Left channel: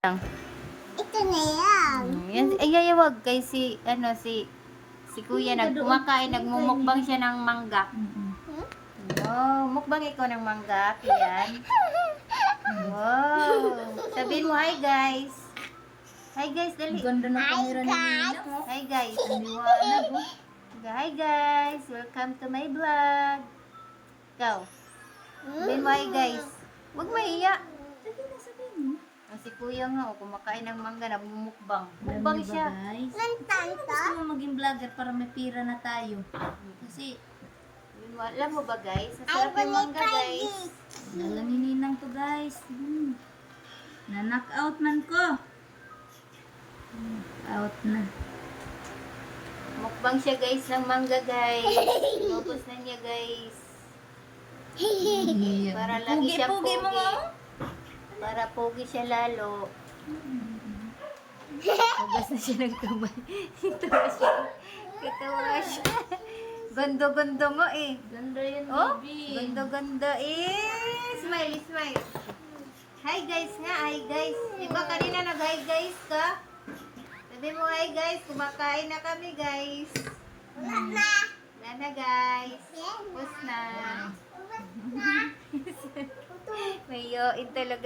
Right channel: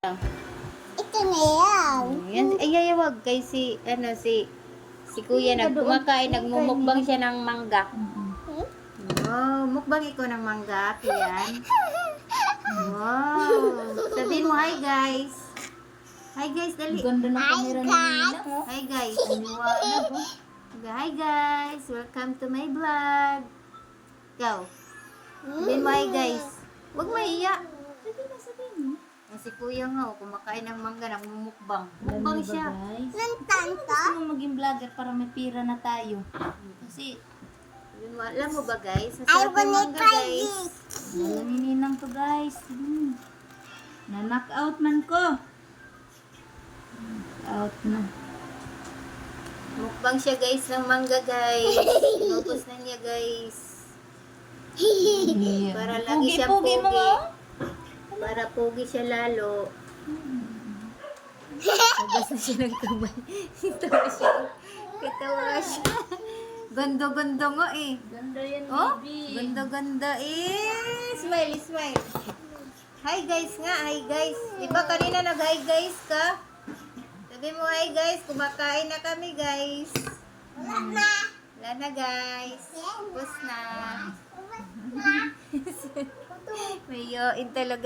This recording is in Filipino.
Ito na yan. Ay, wag kay si kuya kumakain, nagmumukbang siya ng mangga. Wow, mukbang ikaw ng mangga, yan. Wow. Sabihin mo, hi guys. Hi guys, dali. Ganda ng kamera ni Nina, oh. Hi guys. Liwanag, oh. Hi guys, welcome to my vlog. Ikaw. Sabihin mo, hi guys. Huwag mahiya. Sabihin mo. Si kuya nga, kumakain ng mangga, nagmumukbang. Mukbang siya. Guys. Ng tanto. Gusto mo maging vlogger para may pira na tayo. Kasi, Alam mo ba guys? I Masarap yung wanna mangga try guys. this. dala ni Ninang to, guys. Na-knock out man ko. Out na. Mukbang siya guys ng mangga guys. Inubos na niya guys. Para lagi siya Pugi mo, pogi. oh. Para pogi siya lalo. Hugas na siya ng kamay. Katawa siya. Katawa siya. Ganda-ganda nga eh. Ganda yan, Oh, baby. ganda-ganda eh. Smile, smile. Hi guys nga, hi guys. Di ba kanina nag-hi guys ka? Sabi mo hi guys, kumakain na kami guys. Wala na. Wala na guys. Tapos na. May yoin talaga.